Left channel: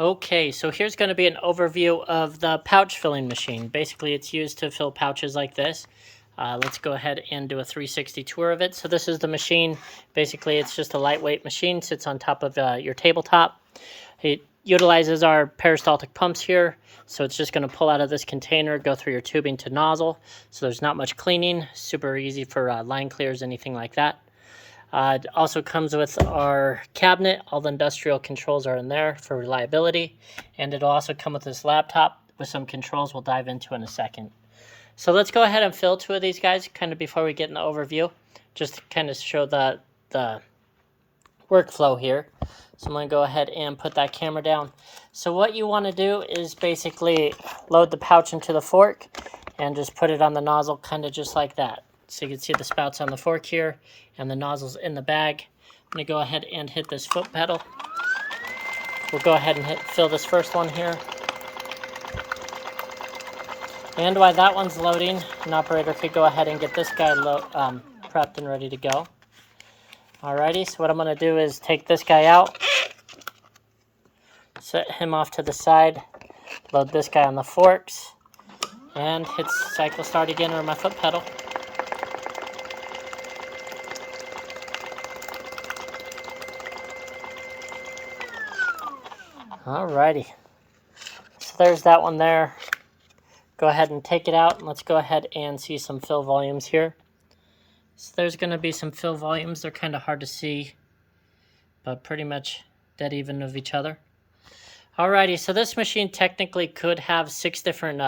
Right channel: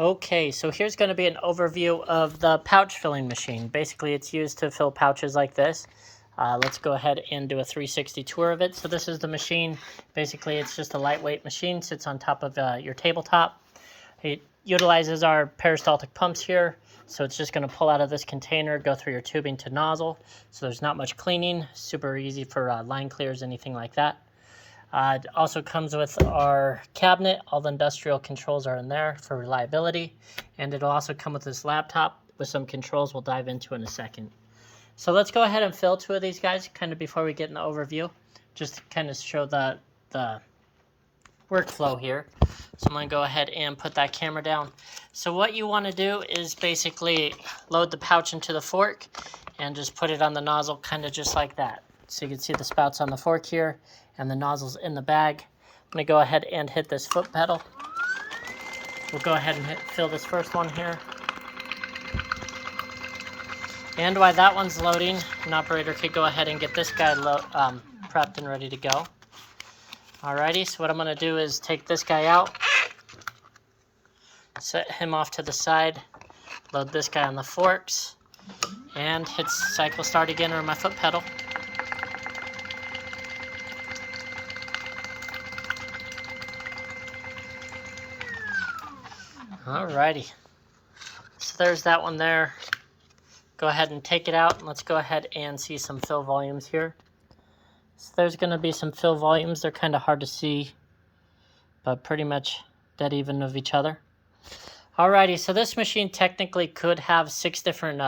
Okay, so here's going to be an overview of the pouch filling machine. Basically, it's used to fill pouches like this. Let's go ahead and do a 360 tour of it. So this is the machine. Basically, it's just a lightweight machine, sits on top of your tabletop. It utilizes our peristaltic pumps here. So it's just going to pull out of this container, go through your tubing to nozzle. So there's not much cleaning, super easy for line clears, anything like that. It also comes with our cabinet. All the industrial controls are in there for reliability. And it'll also come with this laptop with some controls we'll dive into in a second. So let's go ahead and fill two of these guys kind of before we get in the overview, just to kind of show the workflow here. So I'm going to go ahead and put that camera down. So what you want to do is basically load the pouch into the fork and just put it on the nozzle kind of just like that. So you can see the spouts on the fork here and the nozzles in the bag. I'm going to go ahead and hit this foot pedal. We'll go ahead and fill this first one here. And while that one's loading, an operator could go ahead and get this guy prepped and ready to go. Alrighty, so what I'm going to do is take this guy out, set him off to the side, load this guy on the forks, and hit cycle start again or my foot pedal. Alrighty, so there's that one there. Go ahead and take it out, and let's go ahead and see some fill volumes here. So there's going to be some fill volumes. They're kind of hard to see, but pretty much dead even of each other. Alrighty, so this machine technically could have 6 different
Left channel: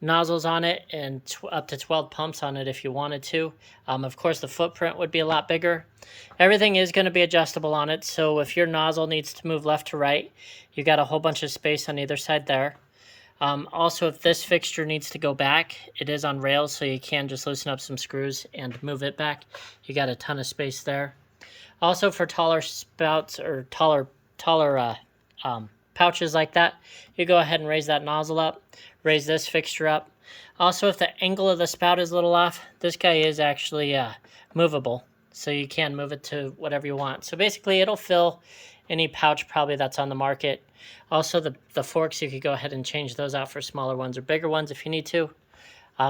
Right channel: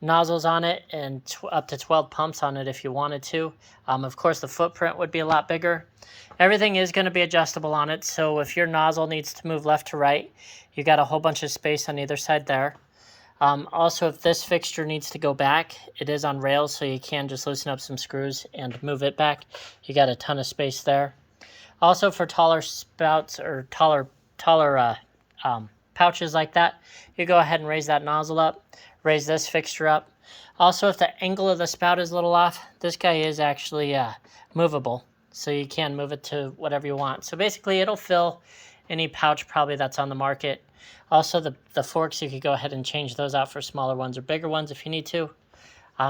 nozzles on it and up to 12 pumps on it if you wanted to. Of course, the footprint would be a lot bigger. Everything is going to be adjustable on it, so if your nozzle needs to move left to right, you got a whole bunch of space on either side there. Also, if this fixture needs to go back, it is on rails, so you can just loosen up some screws and move it back. You got a ton of space there. Also, for taller spouts or taller pouches like that, you go ahead and raise that nozzle up, raise this fixture up. Also, if the angle of the spout is a little off, this guy is actually movable, so you can move it to whatever you want. So basically, it'll fill any pouch probably that's on the market. Also, the forks, you could go ahead and change those out for smaller ones or bigger ones if you need to.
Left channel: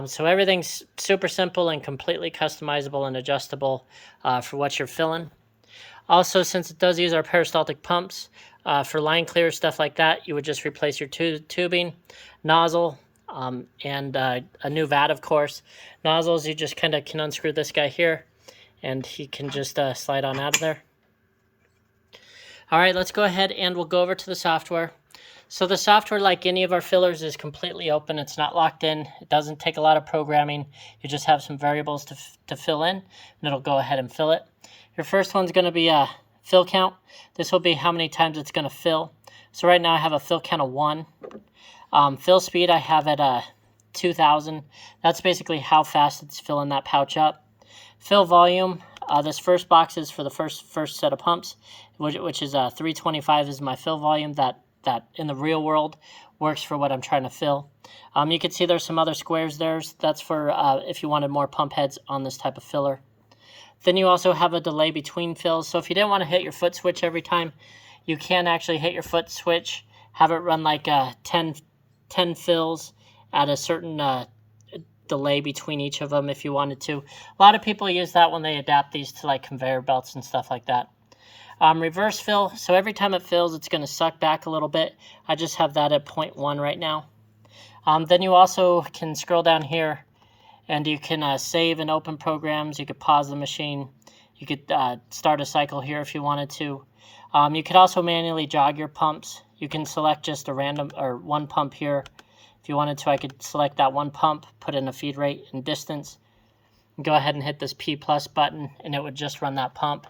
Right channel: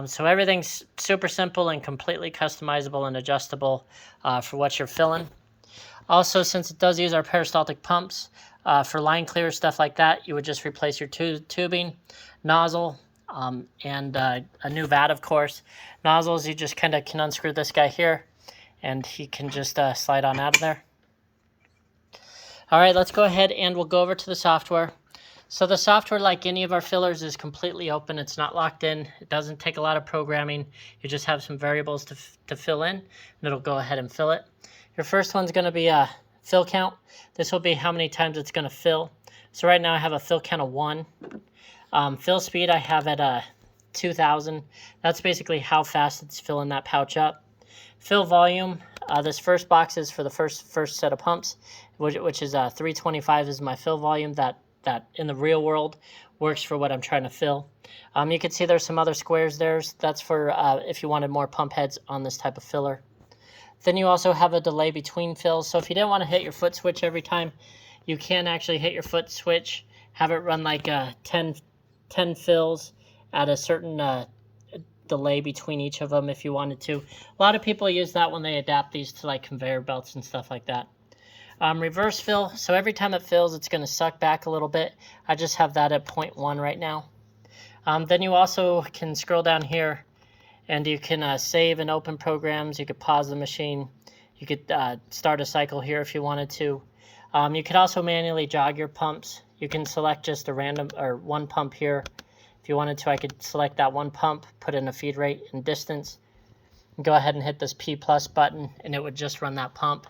So everything's super simple and completely customizable and adjustable for what you're filling. Also, since it does use our peristaltic pumps, for line clear, stuff like that, you would just replace your tubing, nozzle, and a new vat, of course. Nozzles, you just kind of can unscrew this guy here, and he can just slide on out of there. All right, let's go ahead and we'll go over to the software. So the software, like any of our fillers, is completely open. It's not locked in. It doesn't take a lot of programming. You just have some variables to fill in, and it'll go ahead and fill it. Your first one's going to be a fill count. This will be how many times it's going to fill. So right now I have a fill count of 1. Fill speed I have at 2,000. That's basically how fast it's filling that pouch up. Fill volume. This first box is for the first set of pumps, which is 325 is my fill volume that in the real world works for what I'm trying to fill. You can see there's some other squares there. That's for if you wanted more pump heads on this type of filler. Then you also have a delay between fills. So if you didn't want to hit your foot switch every time, you can actually hit your foot switch, have it run like 10 fills at a certain delay between each of them if you wanted to. A lot of people use that when they adapt these to like conveyor belts and stuff like that. Reverse fill, so every time it fills, it's going to suck back a little bit. I just have that at 0.1 right now. Then you also can scroll down here, and you can save and open programs. You could pause the machine. You could start a cycle here if you wanted to. You could also manually jog your pumps. You can select just a random or one pump here. If you wanted to, I could select that one pump, put in a feed rate and distance, and go ahead and hit this P+ button, and it would just run that pump.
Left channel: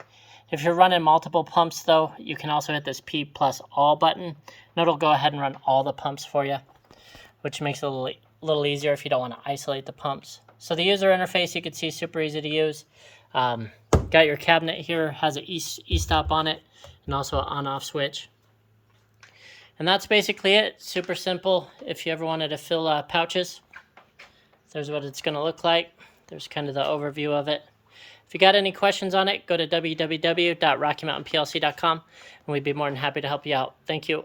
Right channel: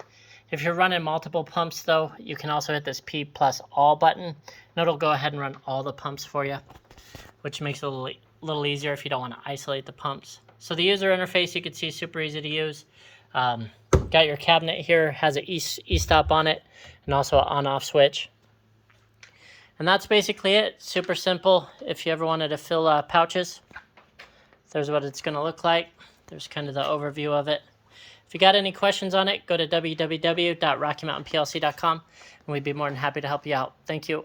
If you're running multiple pumps, though, you can also hit this P+ all button, and it'll go ahead and run all the pumps for you, which makes it a little easier if you don't want to isolate the pumps. So the user interface, you can see, super easy to use. Got your cabinet here, has an e-stop on it, and also an on-off switch. And that's basically it. Super simple. If you ever wanted to fill pouches, there's what it's going to look like. There's kind of the overview of it. If you got any questions on it, go to www.rockymountainplc.com, and we'd be more than happy to help you out. Thank you.